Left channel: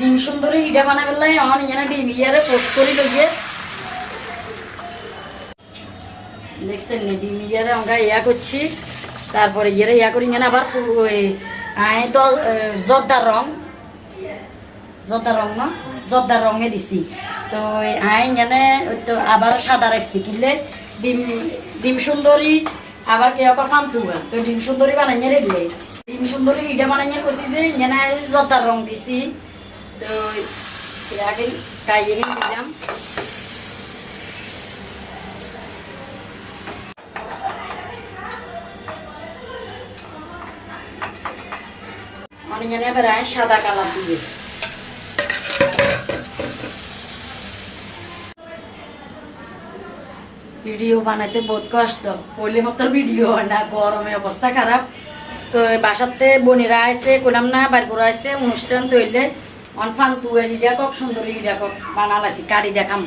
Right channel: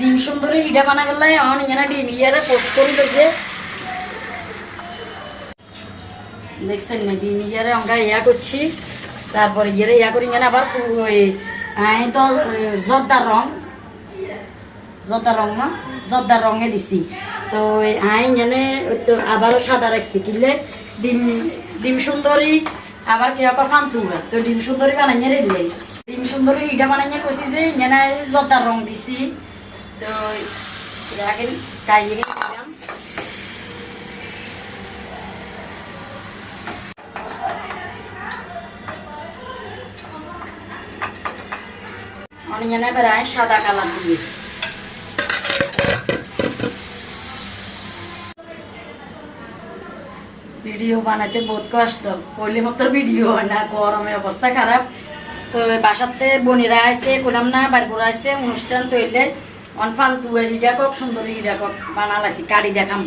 ডিম সুন্দরী ইটা বানা ফেললে আমার এখানে ডিম ইয়ারে পোস্ট করি দেখে দেখছেন না ডিম ইয়ারে আমরা ইয়া করছি তারপরে ইয়ে ইয়া করি এখানে আবার ওই তো জর্দার রং না জর্দার রঙে দিছি তো এখানে তো আবার সাদা রাখছি কিনলে ডিম সুন্দরী আবার কে ফান্তু তো ডিম সুন্দরী বানাইয়ে রেখলে ডিম সুন্দরী ইটা বানাইয়ে কষি যে এখানে জর্দার রং দিছি তো আগে কাইয়ে দিলাম অনিয়নে বেড়ায় সাদা কালার দিয়ে ভিডিও বানাইতে বহুত কষ্ট হইলে মতো ভিডিও হয় না গরমে অবস্থা খারাপ তো বাসাতে বোনেরা আসছে কোলাম না বার করে আসছে অনুষ্ঠান তৈলে অনফান তুই হিডা কক সুন্দরী হিডা কক বানালাইছি কাড়ি দেখাম